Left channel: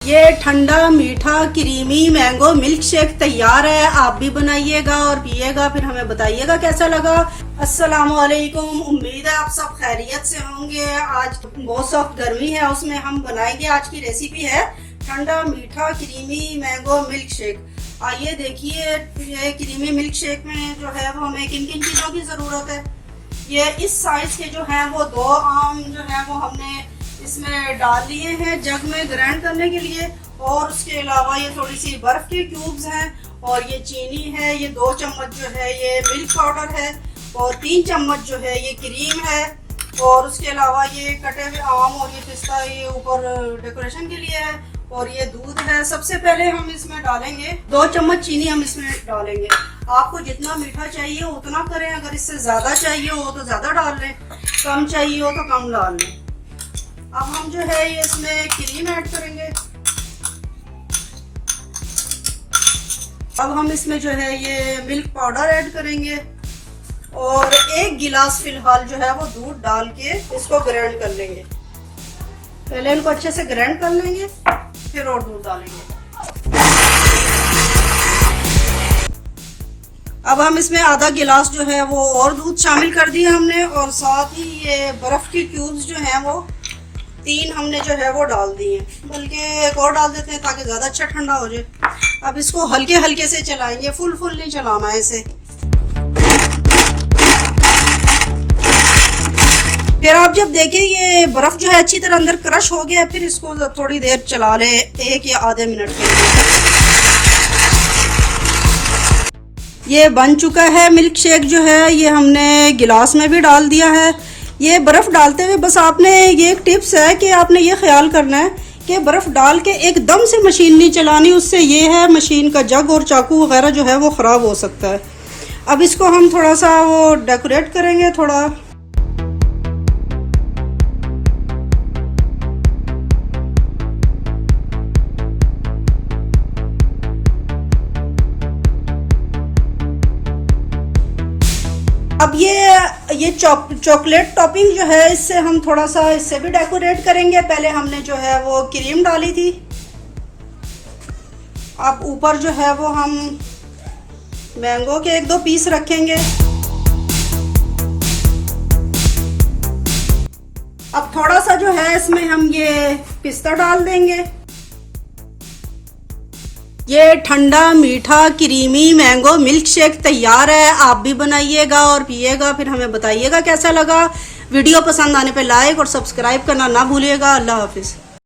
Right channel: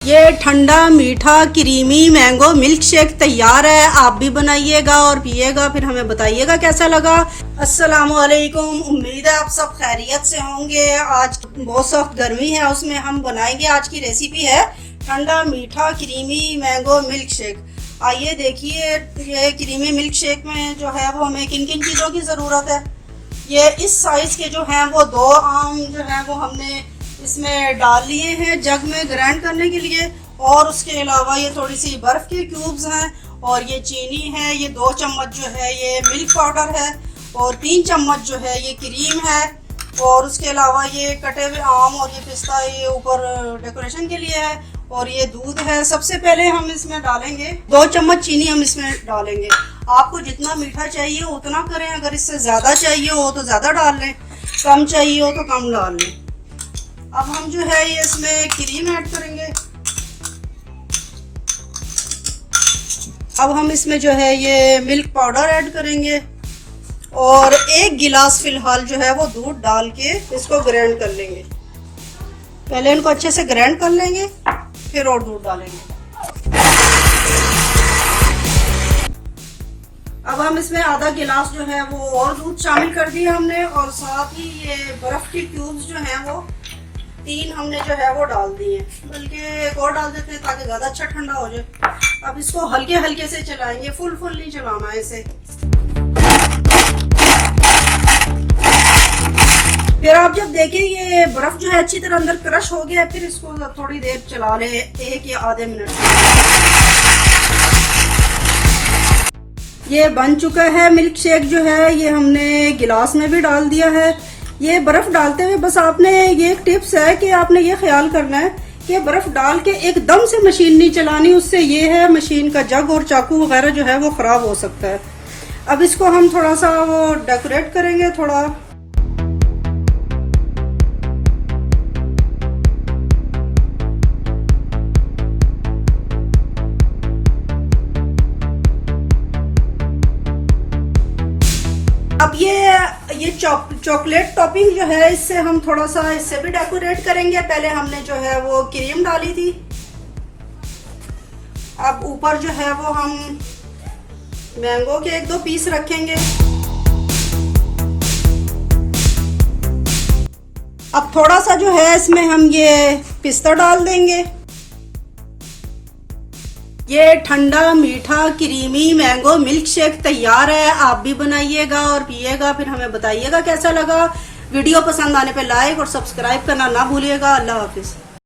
ये ठंडा मीठा क्रीमी मैंगो मिल्क शेक तैयार है। आप भी बनाइएगा और पिएगा, फिर हमें बताइएगा कैसा लगा। अस्सलाम वालेकुम, उम्मीद है आप सब खैरियत से होंगे। आज बहुत सख्त गर्मी है, उसमें हम बनाएंगे। आज की रेसिपी है ठंडा मीठा क्रीमी मैंगो मिल्क शेक। आइए देखिए, ये क्रीमी मिल्क शेक में जो है वो हमें किन किन चीज़ों की ज़रूरत है। ये इस साइज़ के जो हैं वो 2 आम जो है वो हमने इसमें डाल लिए हैं जग में ग्राइंड करने के लिए। और उसके अलावा ये थोड़ी सी बर्फ़ के क्यूब्स हैं और ये चीनी है। ये 2 चम्मच जो है ये मिल्क पाउडर है और 3 चम्मच जो है ये क्रीम है। और उसके अलावा ये कटे हुए आम और ये पिस्ता ये ऊपर डेकोरेशन के लिए है। और ये दूध है। सबसे पहले हम इसमें डालेंगे 2 चम्मच चीनी हम इसमें डालेंगे। आपको जितना मीठा चाहिए उतना करें, अगर इससे ज़्यादा चाहिए हो तो ज़्यादा डाल लें, कम चाहिए हो तो कम डाल लें। अब हम जो है ये इसमें क्रीम ऐड करेंगे। अब हम इसमें जो है ये मिल्क पाउडर ऐड करेंगे और 1 गिलास फिलहाल जो है वो दूध डाल के इसको ग्राइंड कर लेंगे। पहले इनको अच्छे से ग्राइंड कर लेंगे, फिर और दूध डालेंगे। अब हम इसमें आधा गिलास जो है वो और दूध शामिल कर दिया हमने, और साथ ही ये बर्फ़ के क्यूब्स जो हैं वो 3 हमने जो है वो डाल दिए, बल्कि एक और डाल देते हैं ताकि ज़्यादा अच्छा ठंडा हो जाए। अब इसको हल्के हल्के से चलाएंगे, फुल नहीं चलाना है इसे। फिर आप जब देखें ये बर्फ़ जो है अच्छी तरह अंदर क्रश हो गया, फिर इसको थोड़ी देर चला लें, 1 या आधे मिनट। ये बन चुका है मिल्क शेक जो है, ये हमने गिलास में भी डाल दिया है। ये बर्फ़ डालते हुए बस आपने ये एक टिप्स है कि आपने ये ख्याल करना है कि बर्फ़ डाल के एकदम से मशीन नहीं चलानी, उससे ये है मशीन का जग और चाकू वगैरह जो है वो ख़राब हो सकता है। अब इसको हम थोड़ा सा वो डेकोरेट करेंगे थोड़ा। अब ये चॉकलेट टॉपिंग जो है इससे हम थोड़ा सा इससे भी डेकोरेट करेंगे। पहले हमने जो है वो क्रीम डाली थी, अब ऊपर जो है वो हम मैंगो के 1-2 पीस रखेंगे। अब थोड़ा सा जो है इसमें हम ये पिस्ता डाल देंगे। ये ठंडा मीठा क्रीमी मैंगो मिल्क शेक तैयार है। आप भी बनाइएगा और पिएगा, फिर हमें बताइएगा कैसा लगा। वीडियो पसंद आने पे लाइक और सब्सक्राइब करना ना भूलिएगा। अल्लाह हाफिज़।